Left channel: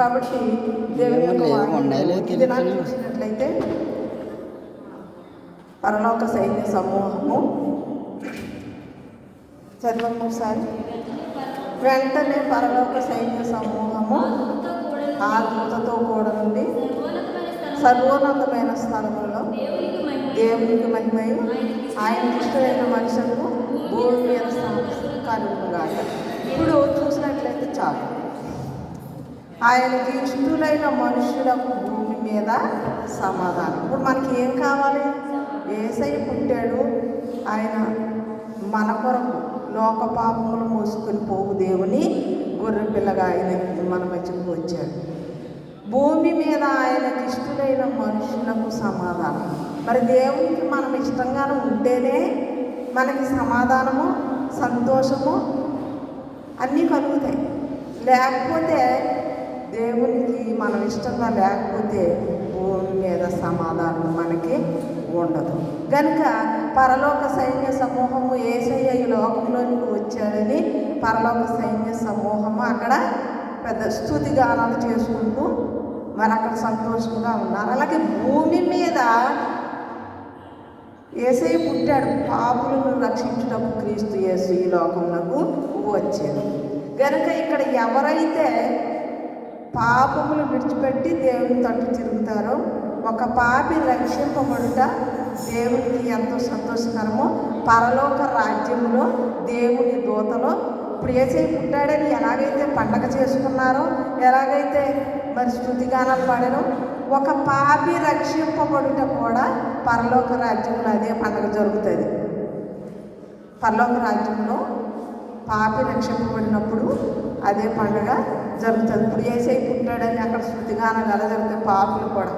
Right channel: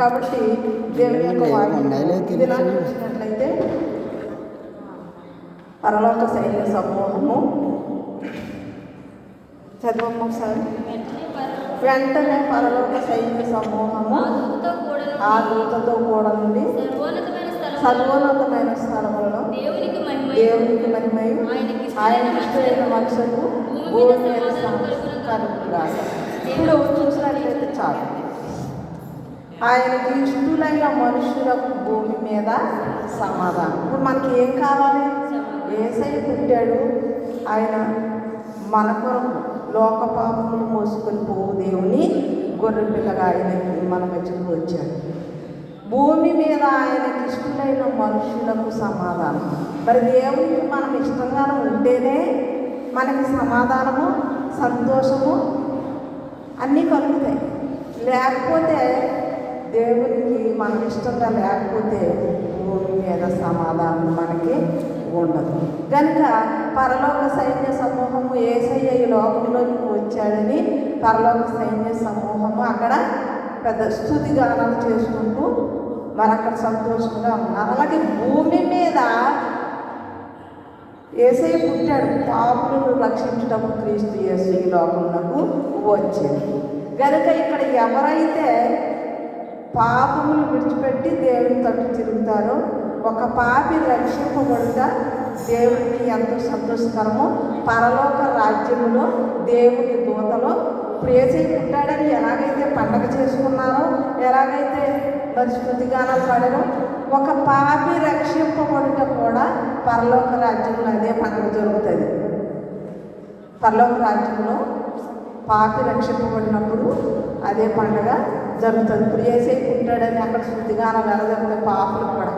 కాబట్టి దేవుని యొక్క వాక్యం చూసినట్లయితే పరలోక సైన్య సమూహము చదవము ఒకసారి. వెంటనే పరలోక సైన్య సమూహము ఆ దూతతో కూడా నుండి సర్వోన్నతమైన స్థలములో దేవునికి మహిమయు ఆయనకి ఇష్టమైన మనుషులకు భూమి మీద కలుగుగా. ఇప్పుడు చూసినట్లయితే చాలు, ఆయనకి ఇష్టమైన మనుషులకు భూమి మీద సమాధానం. ఇప్పుడు మనకి ఏం కావాలి? యేసయ్య పుట్టాడు, ఆయన మన కొరకు లోక పాపములు మోసుకొని పోవు దేవుని గొర్రె పిల్లగా ఆయన మన మధ్యకు వచ్చాడు. భూమి మీద ఆయనకి ఇష్టమైన మనుషులకు సమాధానం. మరి దేవునికి మనం ఇష్టంగానే ఉంటేనే మనకి సమాధానము, సంతోషము అన్నీ కలుగుతాయి. లేకపోతే దేవునికి మనం ఇష్టంగా లేకపోతే భూమి మీద సమాధానం మనకి ఉండదు. కనుక పరలోక సైన్య సమూహము యేసయ్య ఈ లోకంలోనికి వచ్చాడని పరలోక సైన్య సమూహము అక్కడ పెద్ద స్తుతిగానాలు చేసుకుంటూ మరి అక్కడ సంతోషంగా ఉన్నారు. అలాగే భూమి మీద యేసయ్య పుట్టాడు, పాపులను రక్షించటకు క్రీస్తు యేసు ఈ లోకంలోకి వచ్చాడు. కనుక ఇక్కడ ఎవరైతే పాపములు విడిచిపెట్టి దేవుని తట్టు తిరుగుతారో, ఒక పాపి రక్షింపబడుట దేవునికి ఎంతో సంతోషకరము. పరలోక రాజ్యములో దేవుని దూతలో యేసయ్య పుట్టాడని ఎలాగైతే పండగ చేసుకున్నారో, ఎలాగైతే మరి స్తుతిగానాలు పాడారో, ఒక పాపి రక్షింపబడుట కూడా పరలోక రాజ్యంలో అదే పండుగ జరుగుతుంది. పరలోక రాజ్యంలో పాపి రక్షింపబడినప్పుడు అదే పండుగ జరుగుతుంది. ఇప్పుడు యేసయ్య పుట్టాడని అక్కడ స్తుతిగానాలు ఎలా జరుగుతాయి? పాపులు కూడా,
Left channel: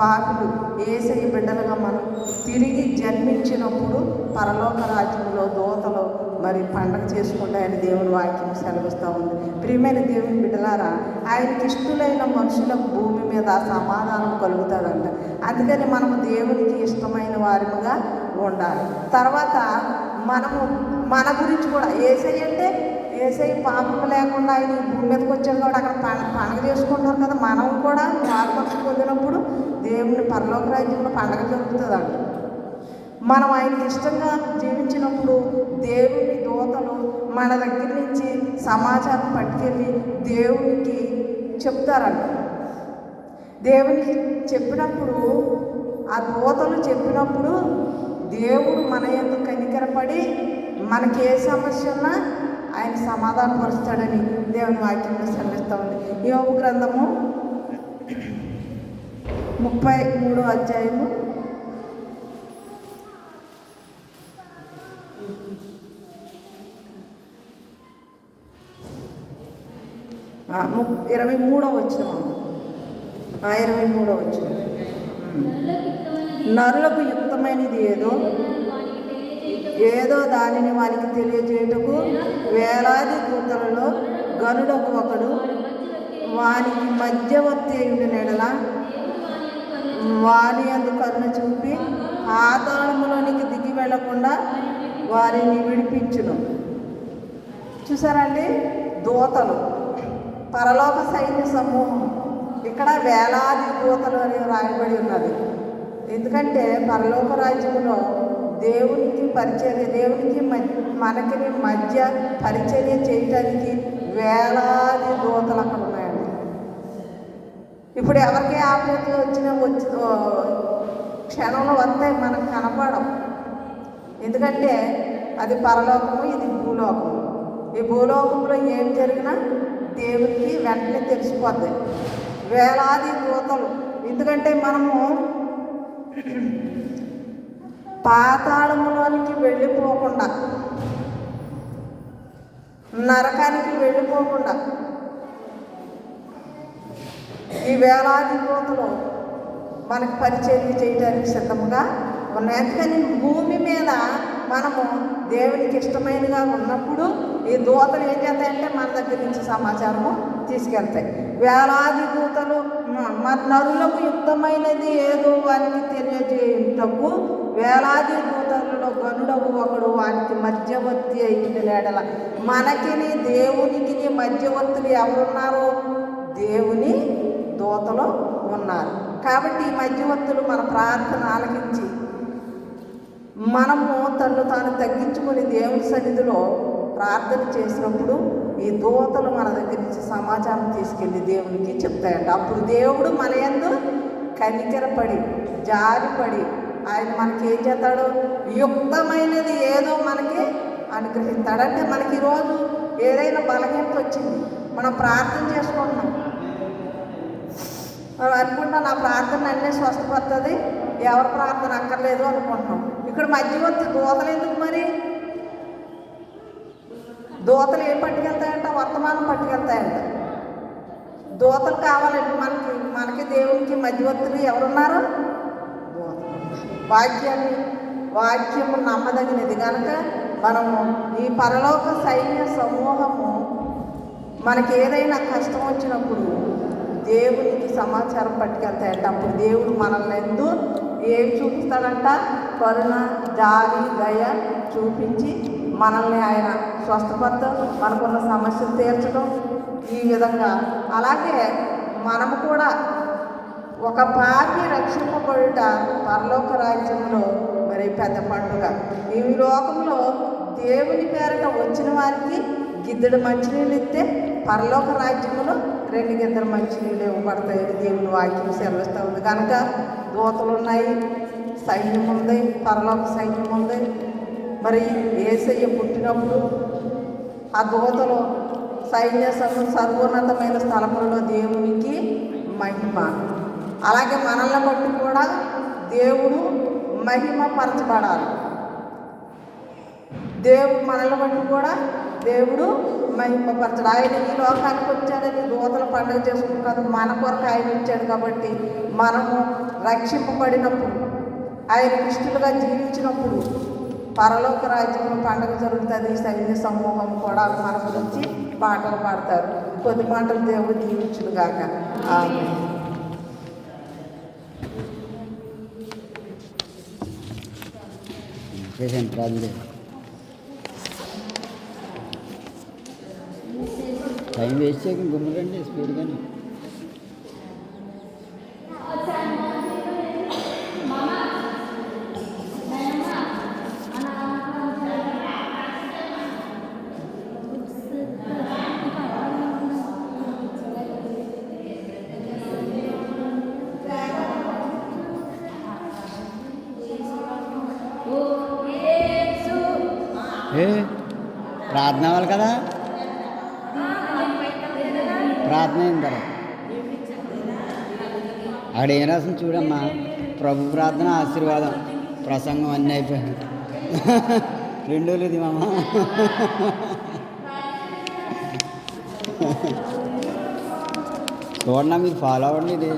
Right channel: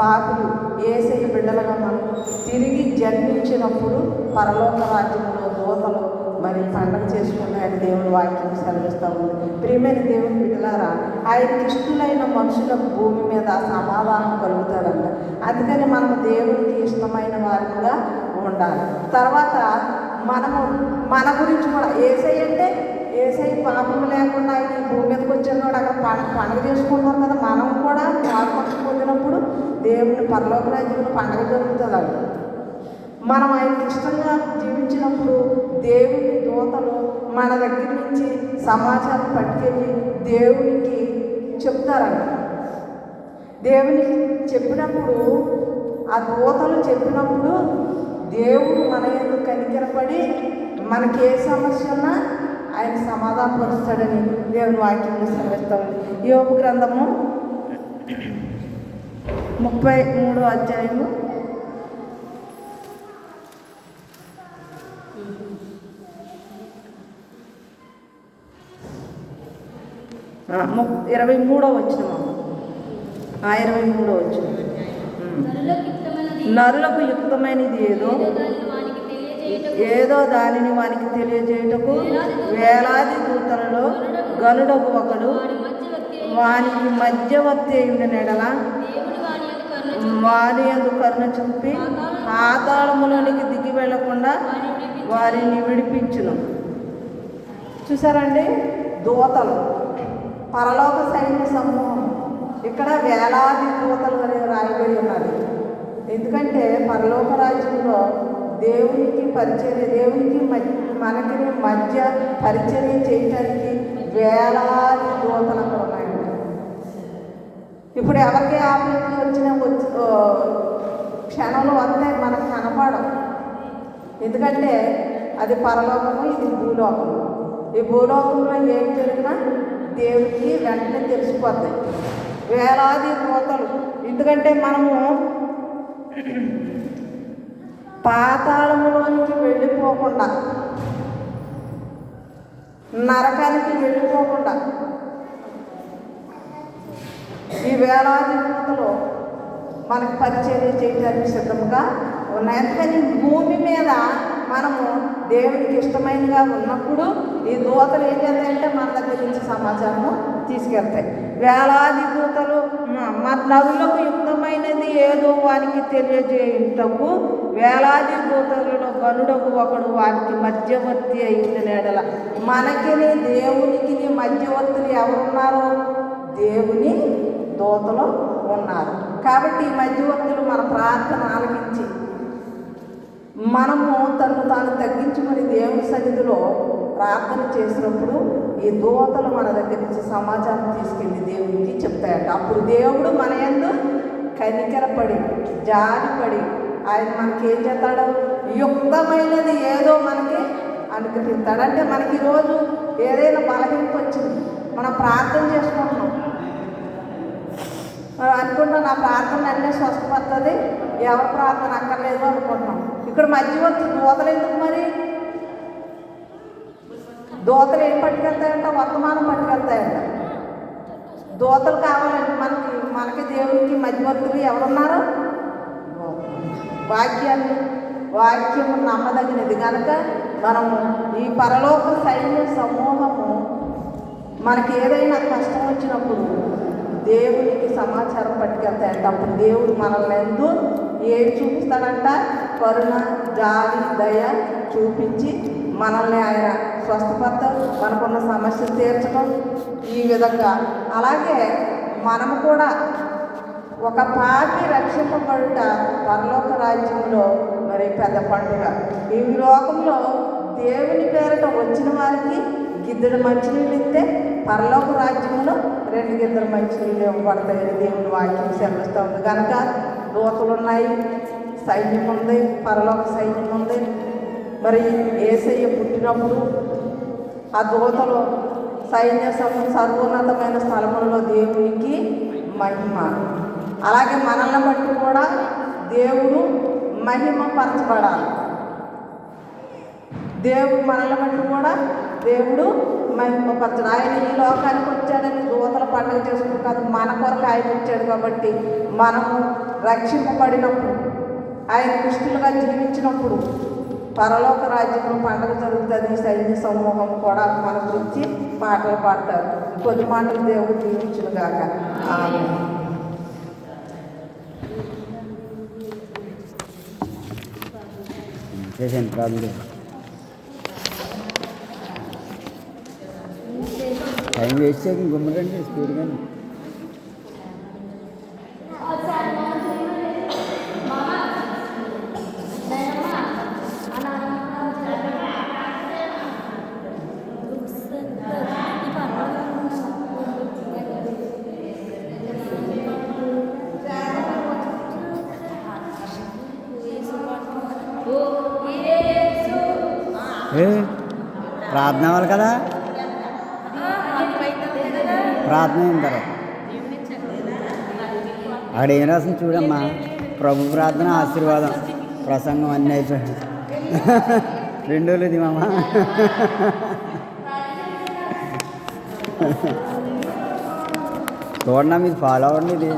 పాపులు యేసయ్య బిడ్డలుగా మనం తిరిగి జన్మించినప్పుడు పరలోక రాజ్యంలో దూతలు మరి పండగ చేసుకుంటాయని దేవుని వాక్యం సెలవిస్తూ ఉంది. ప్రియమైన దేవుని బిడ్డలారా, ఆయనకి ఇష్టమైన మనుషులకు భూమి మీద సమాధానం కలుగుతాడంట. అందుకని మనం దేవునికి ఇష్టమైన వారిగా ఉండాలి. తర్వాత మనము మన గురించి కూడా యేసయ్య అంటే యేసయ్య పాపము లేకుండా ఆయన ఈ భూమి మీదకి వచ్చాడు కూడా అక్కడ పండగ చేసుకుంటాం కదా. మనం కూడా పాపక్ష పొందినప్పుడు దేవుని పరలోక రాజ్యంలో పండగ జరుగుతుంది. అది మనం ఆయనకి ఇష్టంగా జీవించినప్పుడు దేవుని దూతలు మన దగ్గర నుంచి సమాచారం పట్టుకెళ్ళి దేవునికి చెప్తారంట. దేవునికి చెప్పినప్పుడు ఆ దూతలు చెప్పినప్పుడు దేవుడు మన యందు కనికరపడి మనకి ఏ సమస్య ఉన్నా ఆయన సమాధానపరుస్తాడని దేవుని వాక్యంలో సెలవిస్తూ ఉంది. యోబు గ్రంథము 33వ అధ్యాయము 23వ వచనం. 23వ వచనం. నరులకు యుక్తమైనది ఏదో దానిని వానికి తెలియజేయుటకు వేలాది దూతలలో గనుడకు ఒకడు వానికి మధ్యవర్తి అయిన నెడల వారి యందు కరుణ చూపి పాతాళములోనికి దిగి వెళ్లకుండా వారిని విడిపించును. చూసారండి, దూతలు పరలోక సైన్య సమూహం. ఇక్కడ వేలాది దూతలు అని రాయబడి ఉన్నది. ఎందుకంటే పరలోక రాజ్యంలో దేవునికి పరిచర్య, దేవునికి మనకి మధ్య పరిచర్య చేయటానికి వేలాది దూతలు అక్కడ ఉన్నాయండి. ఇప్పుడు ఎవరికి ఆపదలు వచ్చినా క్షణంలో వస్తే మనకు కనపడం. ఎందుకంటే అది పరలోకము, ఇది భూలోకము. ఈ భూలోకంలో ఏం జరిగినా దేవునికి వెంటనే తెలిసిపోతాయి. వేలాది దూతలు. ఎందుకంటే మనము పాతాళములోనికి వెళ్ళిపోకుండా, నరకానికి వెళ్ళిపోకుండా ఈ వేలాది దూతలు మనకు పరిచర్య చేయడానికి సిద్ధంగా ఉన్నాయి. అందుకని భూమి మీద మనము దేవునికి ఇష్టమైనగా ఉన్నప్పుడు ఈ దూతలు ఏం చేస్తాయంటే మన దగ్గర నుంచి సమాచారము తీసుకెళ్తాయి. వేలాది దూతలు నరులకు యుక్తమైనది ఏదో వానికి తెలియజేయుటకు వేలాది దూతలలో గనుడకు ఒకడు వానికి మధ్యవర్తి అయింది. నేడల మనకిని దేవునికి మధ్యవర్తులు ఎవరున్నారో దేవుని దూతలు ఉన్నారు. కాబట్టి ఈ మధ్యవర్తులు మన ప్రార్థన ఆలకించి మనము తను తాను తగ్గించుకొని దేవుని సన్నిధిలో ప్రార్థన చేసినప్పుడు ఈ దూతలు మన దగ్గర నుంచి సమాచారం తీసుకెళ్ళి దేవునికి చెప్తాయంట. అప్పుడు దేవుడు మన యందు కనికరపడి జారిపడి ఆయన మనకి ఏం చేస్తాడో యుక్తమైనది ఏదో మనకి అనుగ్రహిస్తాడంటే మనకి ఈరోజు ఏదైనా బలహీనత వచ్చింది, మనం ప్రార్థన చేసుకుంటున్నాం, మనం అనుకుంటాం నా ప్రార్థన అన్నీ స్వస్థపడుతుంది, ఎవరి ప్రార్థన అక్కర్లేదు అనుకుంటున్నాం. ఇక్కడ మధ్యవర్తి దూతలు ఎందుకు మరి? దూతలు ఏం పట్టుకెళ్తాయంట? వర్తమానం పట్టుకెళ్తాయంట. దూతలు కావాలంటే మనకి దేవునికి మధ్యవర్తులు ఎవరున్నారు? వాక్యము నమ్మదగినది కనుక మనము ఈ పరలోక సైన్య సమూహము మనకి ఏదైనా కష్టం వచ్చినప్పుడు దేవునికి సమాచారం పట్టుకెళ్తాయంట. అప్పుడు దేవుడు మనల్ని ఏమి చూపిస్తాడంట? కరుణ, జాలి, దయ చూపించి మనల్ని ఆయన స్వస్థపడతాం, మనకున్న సమస్యలు తీర్చడం ఈ విధంగా. అలాగే మనము కూడా ఒక పాపి రక్షింపబడుట పరలోక రాజ్యంలో మరి పెద్ద పండుగ. ఈ లోకంలో దేవుని పేరట వచ్చిన వారికి గిద్దెడు మంచినీళ్ళు ఇస్తే పరలోక రాజ్యంలో 2 గిద్దెడు మంచినీళ్ళు ఇవ్వబడతాయని దేవుని వాక్యం సెలవిస్తూ ఉంది. కనుక దూతలు ఉన్నాయి, సైన్యం ఉంది, పరలోక సైన్యం ఉంది. మరి యేసయ్య పుట్టినప్పుడు ఆ దూతలు సైన్య సర్వోన్నతమైన స్థలములలో దేవునికి మహిమ. అలాగే మనల్ని బట్టి కూడా దేవుడు మహిమ పరచబడాలి. మనల్ని బట్టి కూడా దేవుడు మహిమపరచడు. ఆయన ఈ లోకానికి వచ్చాడని దూతల పండుగ చేసుకుంటాడు, మన కొరకు ఆయన ఇచ్చాడు. కాబట్టి మనము రక్షింపబడినప్పుడు, ఆయన కృష్ణులుగా జీవించినప్పుడు పరలోక రాజ్యంలో పండుగ జరుగుతుంది. సైన్య సమూహం కూడా మన గురించి పాటలు పాడతారు. కొద్ది మాటలు దేవుడు దీవించును గాక. ఆమేన్. టైం వేస్ట్ చేయక గుమ్మరండి స్పీడ్గానే. ప్రార్థన అవ్వాలి కదా, ప్రార్థన అయిన తర్వాత అక్కడ ఏం రాసింది చూడమ్మా. ప్రభు ప్రార్థన, ఆశీర్వాదం, ప్రసంగం అన్నీ అయిపోయాయి. 2 రోజులు ఇది మామ. చూడండి, మీరు ఫాలో అవ్వండి ఇది.